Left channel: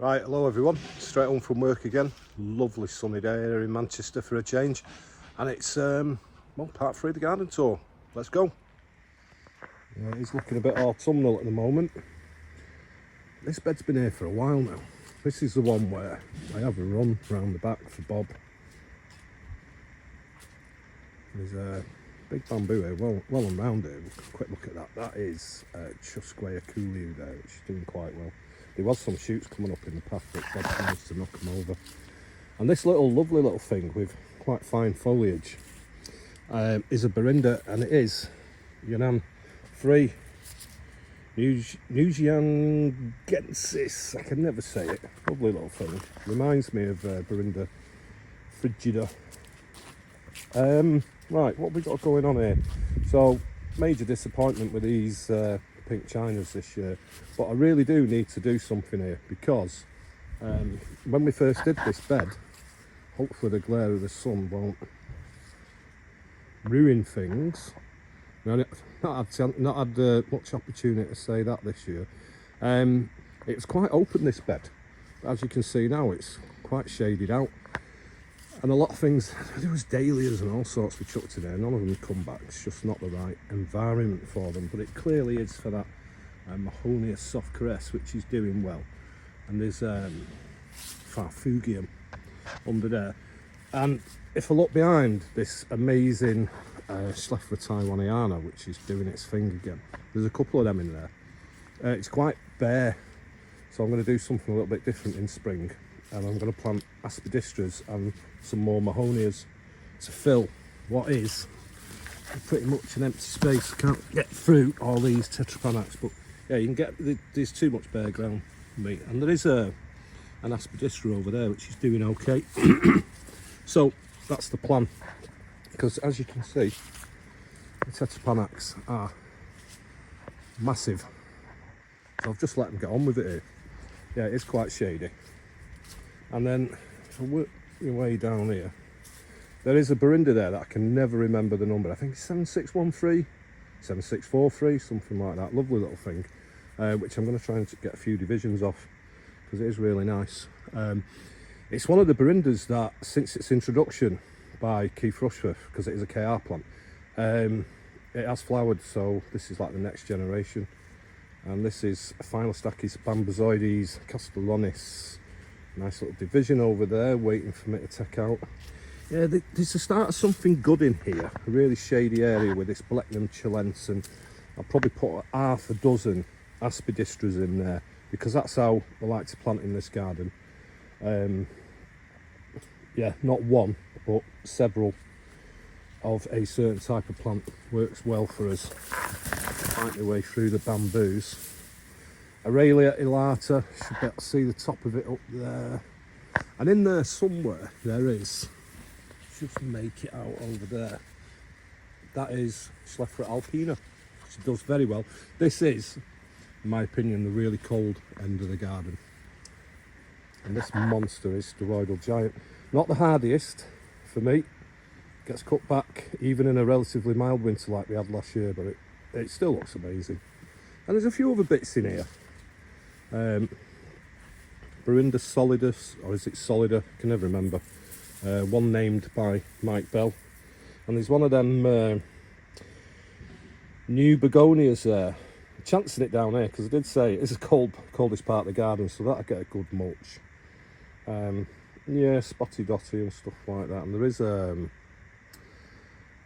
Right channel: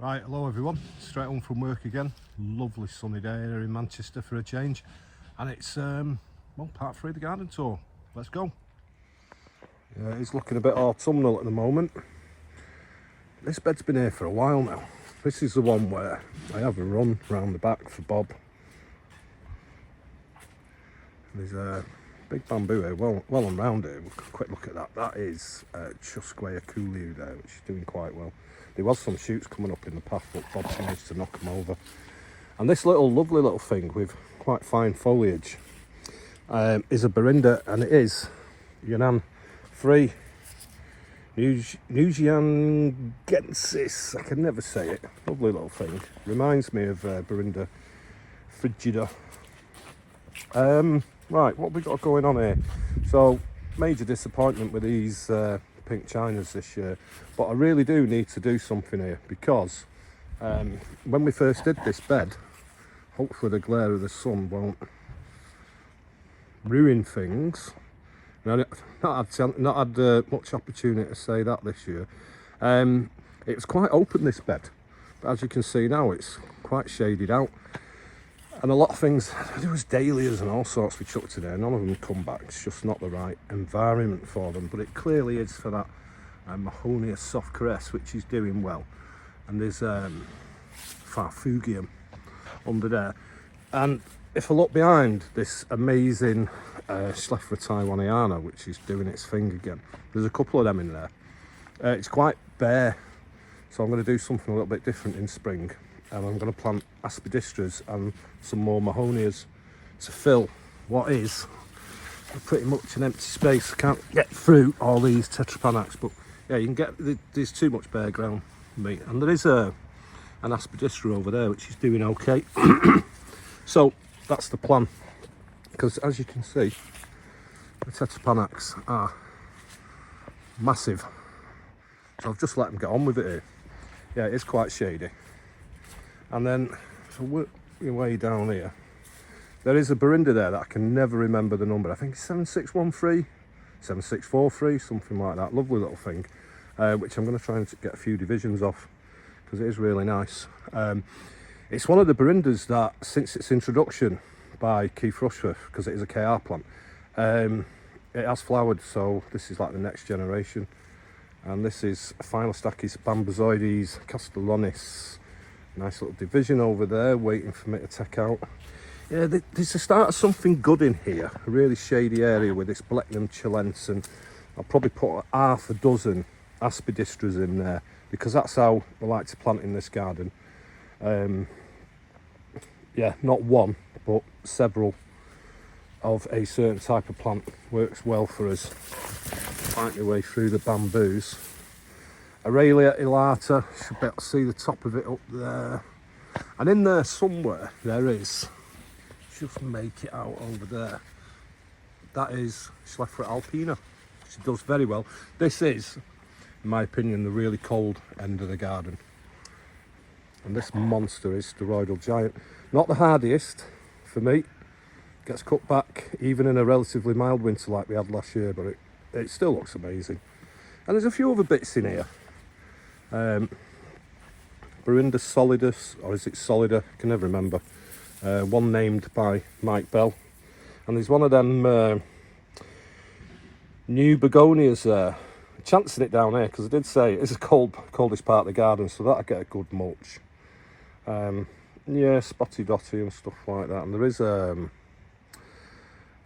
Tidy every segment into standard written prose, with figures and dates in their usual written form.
Right, hello everyone, straight home from work again. Lovely sunny day here in Manchester for a change, and it's well, part 3 of the garden tour. Let's go. It's looking a bit autumnal at the moment. This bed's been here for a while now. This is the one where I have a run round the back for Bob. There's a big bamboo here, well and round here. We'll have a quick look at that. That is Chusquea Coolio there, which is doing quite well. There was some shoots coming up in the path, but Bob managed to knock them over. And this lovely little thing with quite fine foliage is a Berinda, and it is Yunnan free Nusiangensis. I can never say it. Lovely little thing. Reminds me of Berinda frigida. Right, what have we got going on here? So, major disappointment with these pink chinas this year, but I really do need to do something here, because when we first did this bed, hopefully the glare of the sun won't ruin things. Now, not had much opportunity to say that this year. It was quite open, this bed, but as you can see now it's quite shaded out, and a lot of things, there was dahlias and all sorts we chucked in there. None of them come back. It's just not the right environment for them, but it clearly is for that Mahonia soft caress, which is doing well. And there's Farfugium under there, and if I look behind this amazing Schleffra Taiwaniana, which is doing its thing again, there's a couple of them in there. It's quite bare, so I'm going to do something a little bit different in spring, and I'm going to plant aspidistras and some more Mahonias to fill what is pretty much an empty space. I can't get through all these tetrapanax, but yeah, you can get, there's too much bare ground for me. And there is an aspidistra over there which is doing okay. So that's the plan, because as you can see, the tetrapanax are massive, so I've just let them get on with it here. Yeah, it's quite shady. And then if I work my way down here, there is a Berinda there that I can never remember the number. I think it's 7613, 7643, something like that. Lovely little thing, which I'm going to try and get a few divisions off, because it is really nice. It's one of the Berindas that, since its introduction by Keith Rushforth, because it is a KR plant, it has flowered. So this is like the next generation. And this is Philostachys bambozoides castellonis. Nice little division over there, waiting for me to take out. Yeah, there's a start of something good in here. A really shady area with this Blechnum chilense, and I'll probably put half a dozen aspidistras in there, because that's how I like to plant in this garden. Yeah, not one, but several of a certain type of plant works well for us. Find my way through the bamboos. Aurelia elata, should be able to see the top of it up there. And in there somewhere, there is, just make it out over there, that is Schleffra alpina, which does very well. This is, in my opinion, the really cold end of the garden. And this monster is Steroidal Giant. Not the hardiest for me, gets cut back even in a relatively mild winter like we had last year, but it still looks amazing. And there's a few other bits in here. Berinda solidus, or is it solida? I can never remember. One named by Mike Bell. And there's one of them new begonias there. Chancing it down here, because I did say it's the coldest part of the garden, so that'll get a good mulch. Yeah, spotty dotty and stuff like that. And there is a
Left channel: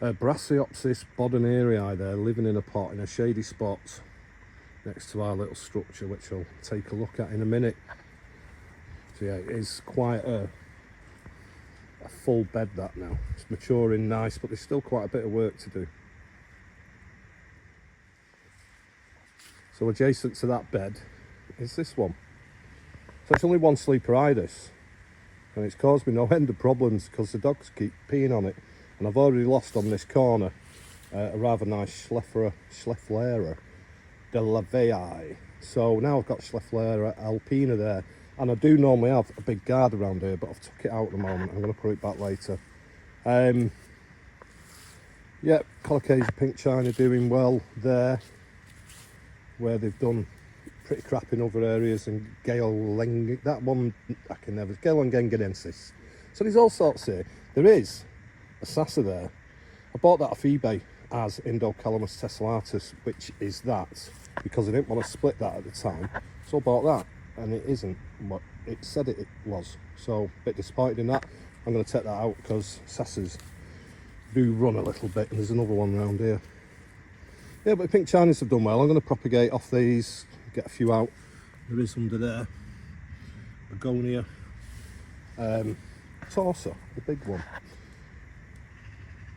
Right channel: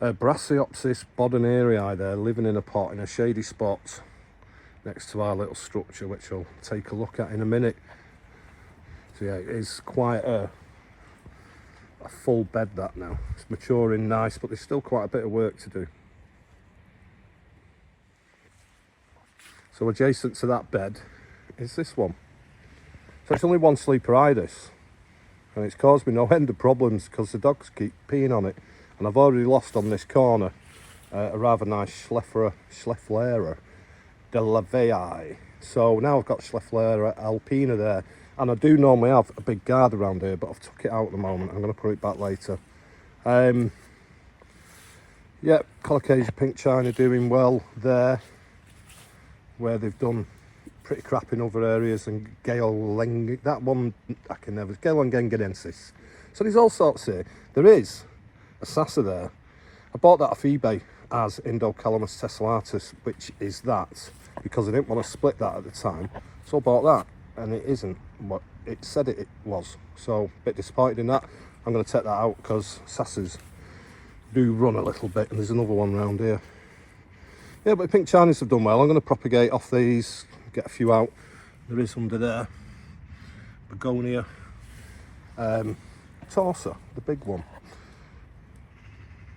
Brassioopsis bodenerii there, living in a pot in a shady spot next to our little structure, which I'll take a look at in a minute. So yeah, it is quite a full bed that now. It's maturing nice, but there's still quite a bit of work to do. So adjacent to that bed is this one. So it's only one sleeper ibis, and it's caused me no end of problems because the dogs keep peeing on it. And I've already lost on this corner a rather nice Schlefflera de Lavei. So now I've got Schlefflera alpina there, and I do normally have a big guard around here, but I've took it out at the moment. I'm going to put it back later. Yeah, Colocasia pink china doing well there, where they've done pretty crap in other areas, and that one I can never, Gaelengengenensis. So there's all sorts here. There is a Sasa there. I bought that off eBay as Indocalamus tessellatus, which is that, because I didn't want to split that at the time. So I bought that, and it isn't what it said it was. So a bit disappointed in that. I'm going to take that out because Sasas do run a little bit, and there's another one around here. Yeah, but the pink Chinese have done well. I'm going to propagate off these, get a few out. There is under there. Begonia. Torsa, the big one.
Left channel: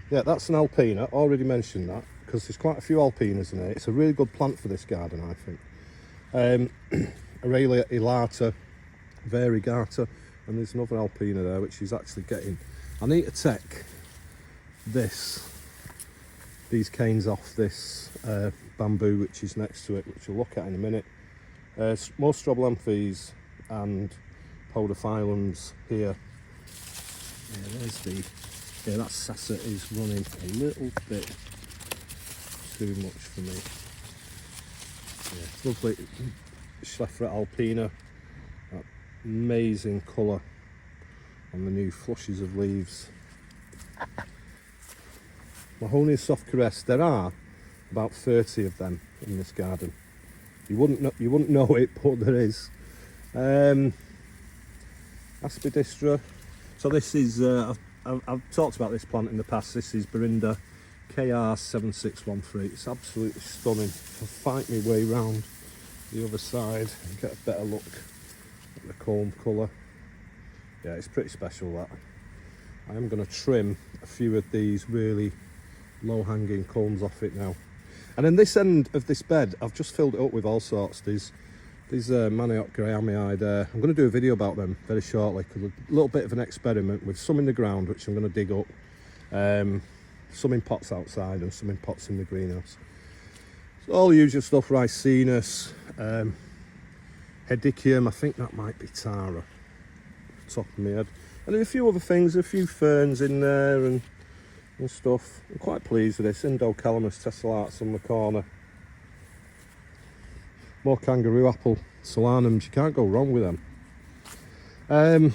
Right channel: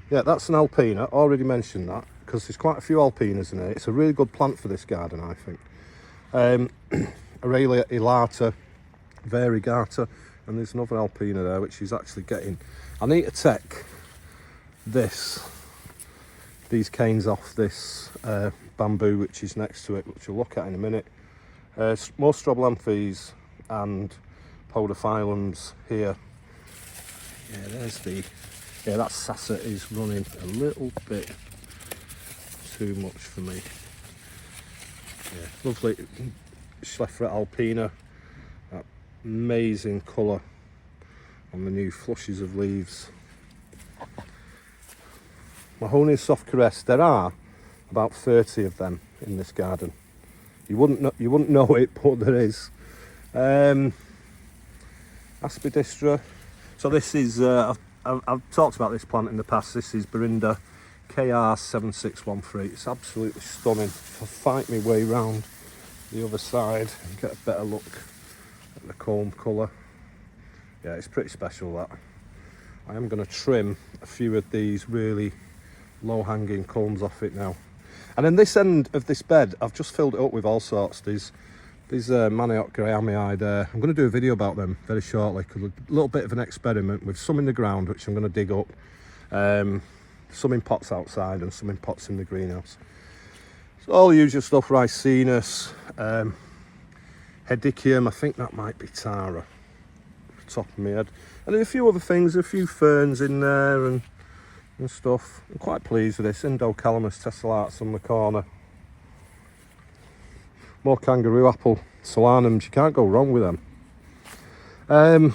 Yeah, that's an Alpina. Already mentioned that because there's quite a few Alpinas in here. It's a really good plant for this garden, I think. Aurelia elata, variegata, and there's another Alpina there which is actually getting. I need to take these canes off this bamboo which is next to it, which we'll look at in a minute. More strobilanthes and podophyllums here. Yeah, that Sasa is running a little bit too much for me. Yeah, lovely Schleffert Alpina, that amazing colour on the new flushes of leaves. Mahonia soft caress, there are about 30 of them in this garden. You wouldn't know it, but there is. Aspidistra. So this is, I've talked about this plant in the past. This is Berinda KR7613. It's absolutely stunning. I'll fight my way round the other side and get a better look at the comb colour. Yeah, it's pretty special, that. I am going to trim a few of these really low-hanging combs off it now. And then this end of this bed, I've just filled it up with all sorts. These Manioc Grahamii there. I'm going to do a video about them very shortly, because a little bit of an experiment with some in the ground, which I'm going to dig up, some in pots outside and some in pots in the greenhouse. So all the usual stuff, Ricinus, Hedychium, I think that might be Tara, off the top of my head. And there's a few other things, a few ferns in there and stuff. I'm quite pleased with this. Indocalamus tessellatus on the corner. More kangaroo apple solanums, you can't go wrong with them. I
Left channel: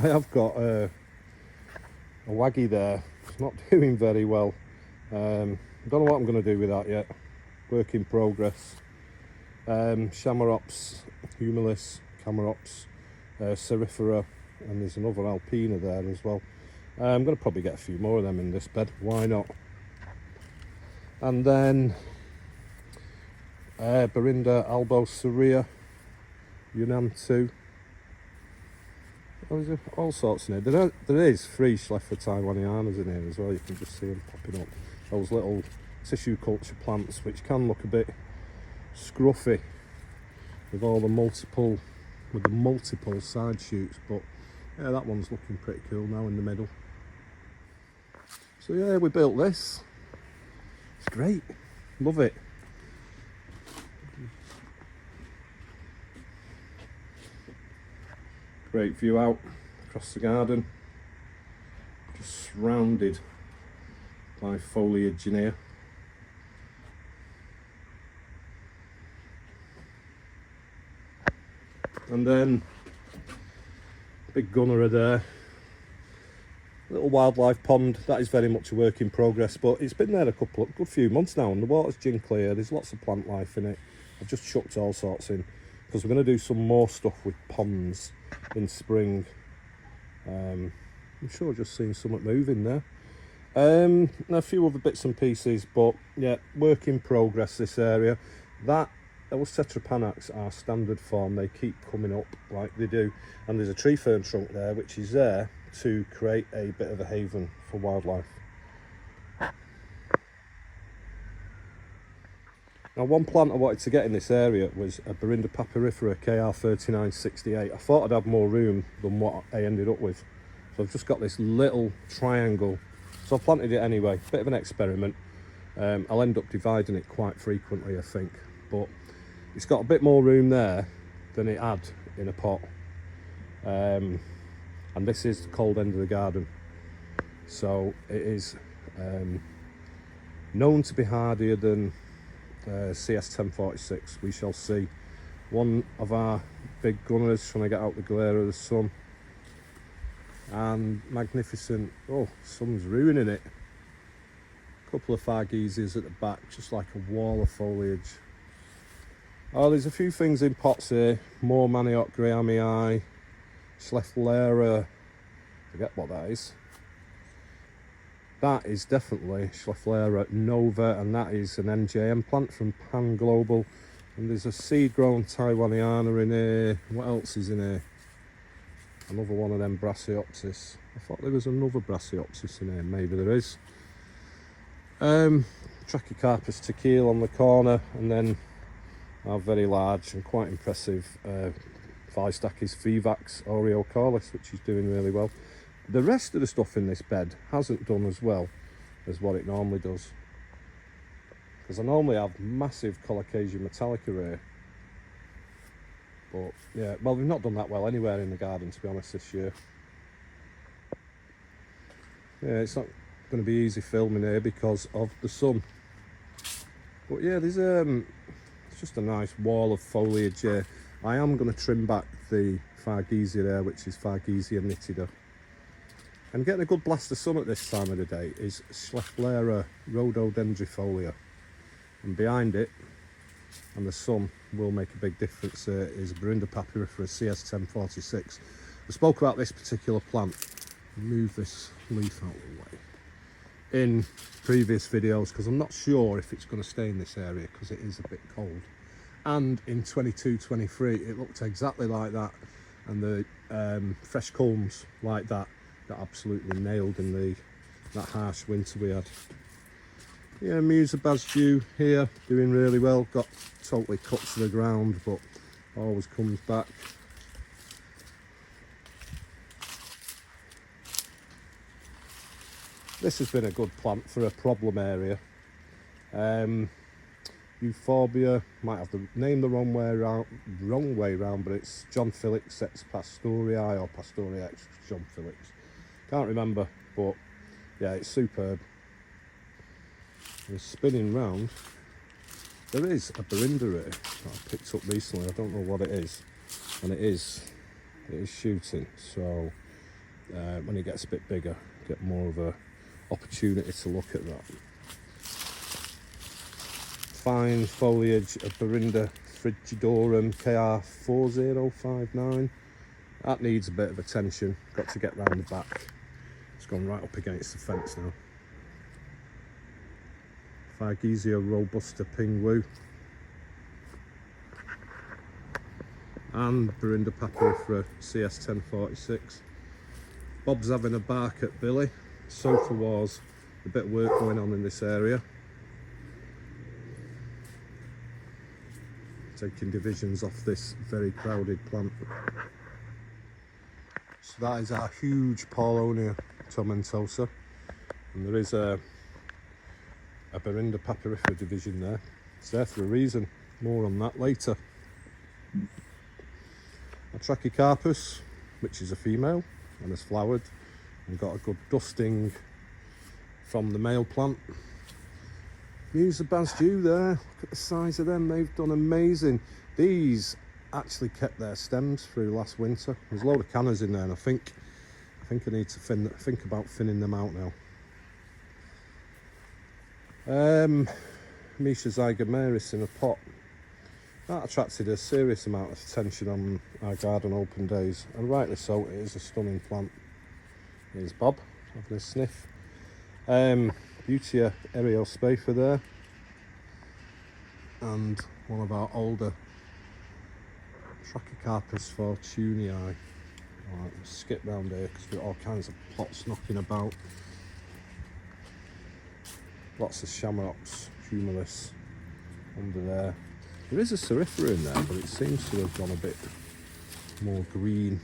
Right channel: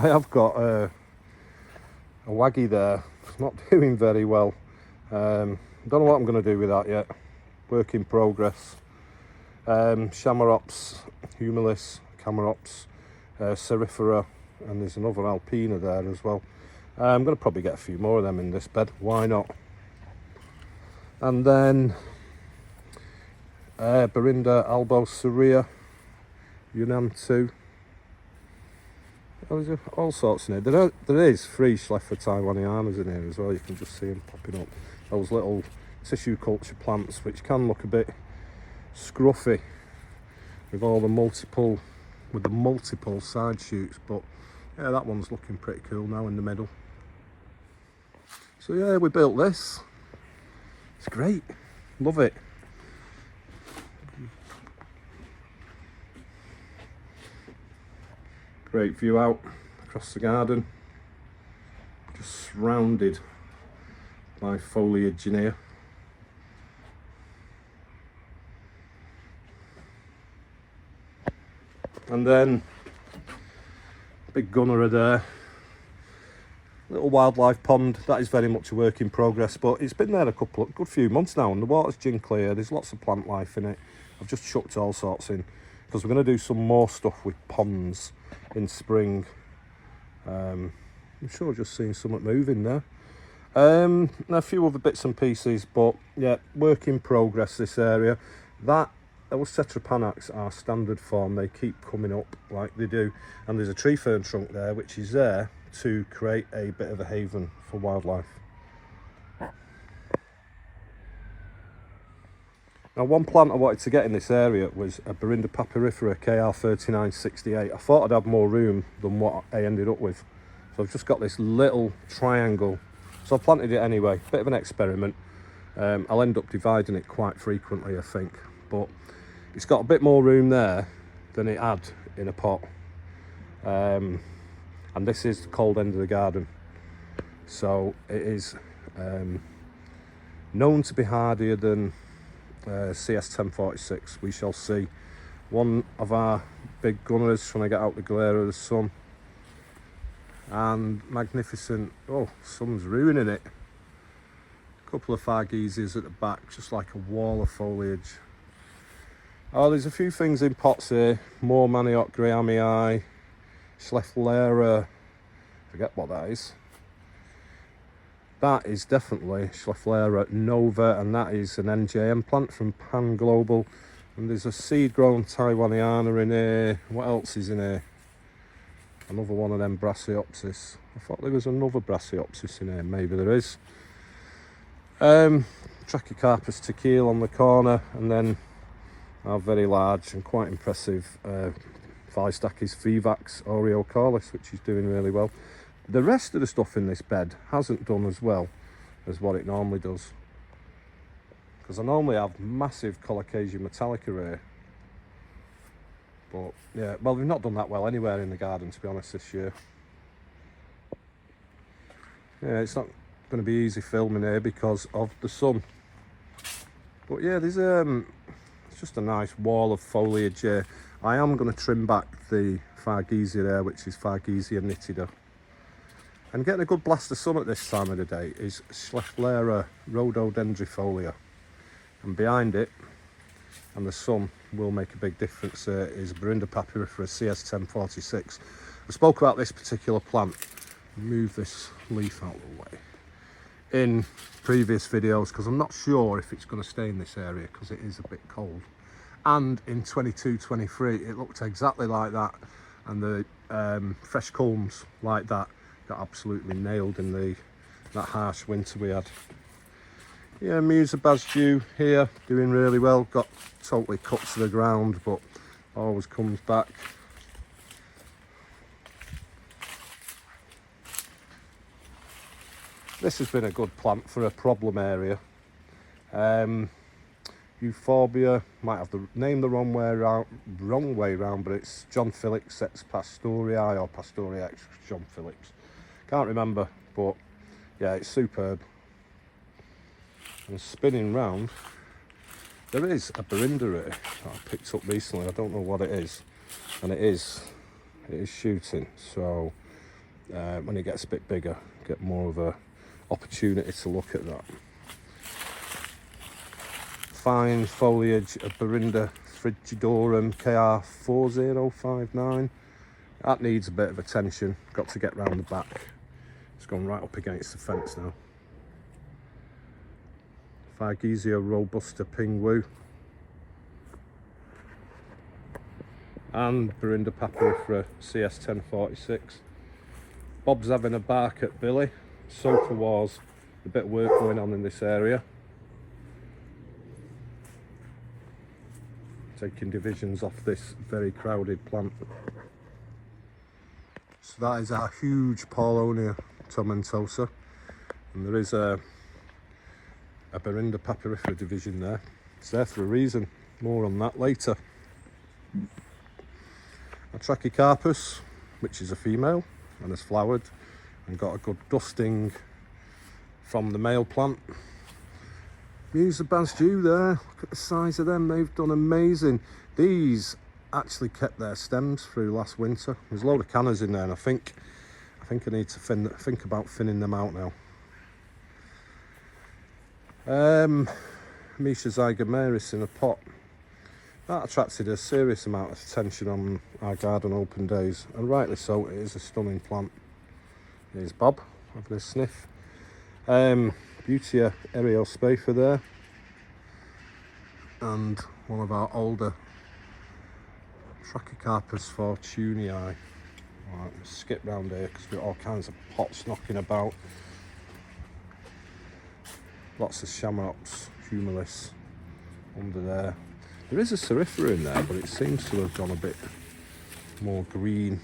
have got a waggy there, not doing very well. Don't know what I'm going to do with that yet. Work in progress. Chamaerops, Humilis, Chamaerops, Cerifera, and there's another Alpina there as well. I'm going to probably get a few more of them in this bed, why not? And then Berinda albocerea, Yunnan 2. There's all sorts in here. There is 3 Schleffert Taiwanianas in here as well. You can just see them popping up. Those little tissue culture plants, which can look a bit scruffy with all the multiple side shoots, but yeah, that one's looking pretty cool now in the middle. So yeah, we built this. It's great, love it. Great view out across the garden, just surrounded by foliage in here. And then big gunnerer there, little wildlife pond. That is very much a work in progress, but it's been there a good few months now, and the water's gin clear. There's lots of plant life in it. I've just chucked all sorts in because we're going to do some more stuff with ponds in spring. I'm sure I've just seen something moving there. And a few other bits and pieces, but yeah, work in progress this area. Those Tetrapanax are standard form, they keep coming up like they do, and there's a tree fern trunk there which is there to create a bit of a haven for wildlife. Now, one plant I wanted to get in this area was a Berinda papyrifera KR3968. I thought I'd have more room than what I ended up with, so I've just got this little triangle, so I've planted it anyway. Bit of an experiment. I'll end up dividing it quite frequently, I think, but it's got a bit more room there than it had in a pot. And this is the cold end of the garden, so it is known to be hardier than CS 1046. We shall see. One of our big gunners trying to get out the glare of the sun. And magnificent, oh, sun's ruining it. A couple of Fargesias at the back, just like a wall of foliage. Oh, there's a few things in pots here. More Manioc Grahamii, Schefflera, forget what that is. That is definitely Schefflera Nova, and that is an NJM plant from Pan Global. And there's a seed-grown Taiwaniana in here. What else is in here? Another one of them Brassioopsis. I thought there was another Brassioopsis in here. Maybe there is. Trachycarpus tequila on the corner, and then our very large and quite impressive Phystochys vivax Oreocalis, which is doing really well. The rest of the stuff in this bed hasn't done as well as what it normally does, because I normally have massive Colocasia metallica here, but yeah, well, we've not done that well anywhere in the garden, to be honest, this year. Yeah, it's not going to be easy filming here because of the sun, but yeah, there's it's just a nice wall of foliage here. I am going to trim back the Fargesia there, which is Fargesia nitida. And getting a good blast of sun at this time of the day is Schefflera rhododendrifolia. And behind it, and the sun will make a big difference, is Berinda papyrifera CS1046. I spoke about this particular plant, move this leaf out of the way, in previous videos, because I'm not sure if it's going to stay in this area because it is a bit cold. And in 22-23 it looked exactly like that, and the fresh culms like that got absolutely nailed in that harsh winter we had. Yeah, Musa Basdew here doing really well, got totally cut to the ground but always comes back. This has been a good plant for a problem area. Euphorbia, might have the name the wrong way round, but it's John Felix X Pastorii or Pastorii X John Felix. Can't remember, but yeah, it's superb. And spinning round, there is a Berinda here that I picked up recently. I don't know what it is, and it is shooting. So when it gets a bit bigger, get more of a opportunity to look at that. Fine foliage of Berinda frigidorum KR4059. That needs a bit of attention. Got to get round the back. It's gone right up against the fence now. Fargesia robusta pingwu. And Berinda papyrifera CS1046. Bob's having a bark at Billy. So for was a bit of work going on in this area. Taking divisions off this very crowded plant. So that is our huge Paulownia tomentosa, and there is a Berinda papyrifera division there. It's there for a reason, more on that later. A Trachycarpus, which is a female and has flowered and got a good dusting from the male plant. Musa Basdew there, look at the size of them, they've done amazing. These actually kept their stems through last winter. There's a load of canners in there, and I think I need to think about thinning them out now. Misha zygomaris in a pot. That attracted a serious amount of attention on our garden open days, and rightly so. It is a stunning plant. Here's Bob having a sniff. Butea Eriospatha there, and one of our older Trachycarpus fortunei. Right, let's skip round here because we've got all kinds of pots knocking about. Lots of Shamrops, Humilis under there. There is a Cerifera in there, but it seems to have gone a bit more green.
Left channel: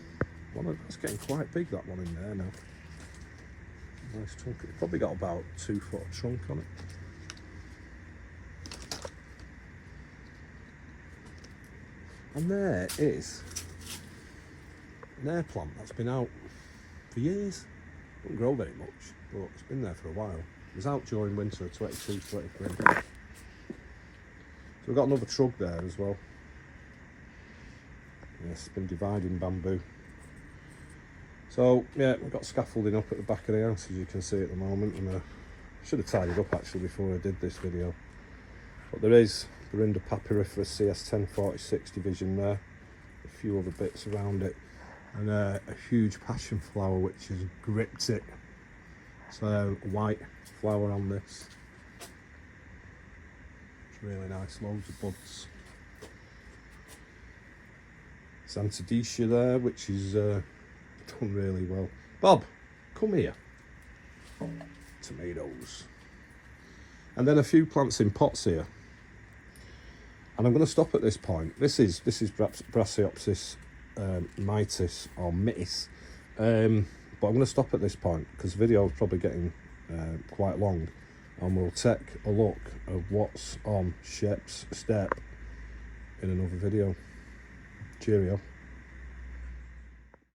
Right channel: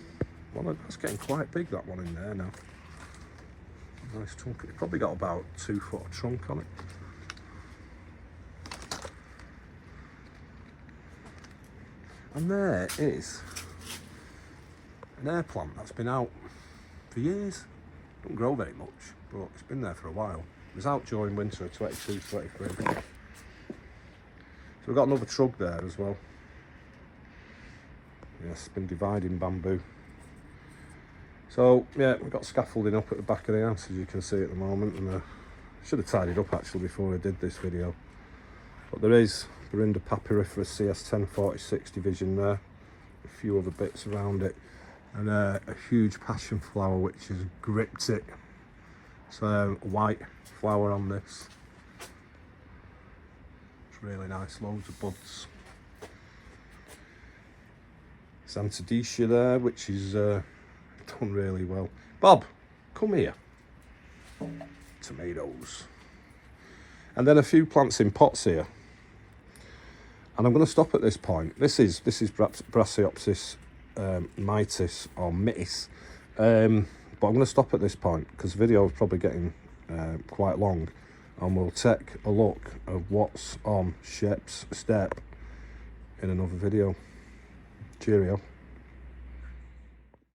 Well, that's getting quite big, that one in there now. Nice trunk. It's probably got about 2 foot of trunk on it. And there is an air plant that's been out for years. Don't grow very much, but it's been there for a while. It was out during winter of 22-23. So we've got another trug there as well. Yes, it's been dividing bamboo. So yeah, we've got scaffolding up at the back of the house, as you can see at the moment, and I should have tidied up actually before I did this video. But there is the Rinder Papyriferous CS 1046 division there, a few other bits around it, and a huge passion flower which has gripped it. It's a white flower on this. It's really nice, loads of buds. Santadecia there, which is done really well. Bob, come here. Tomatoes. And then a few plants in pots here. And I'm going to stop at this point. This is Brassioopsis mitis or mitis. But I'm going to stop at this point because the video is probably getting quite long. And we'll take a look at what's on Shep's step in another video. Cheerio.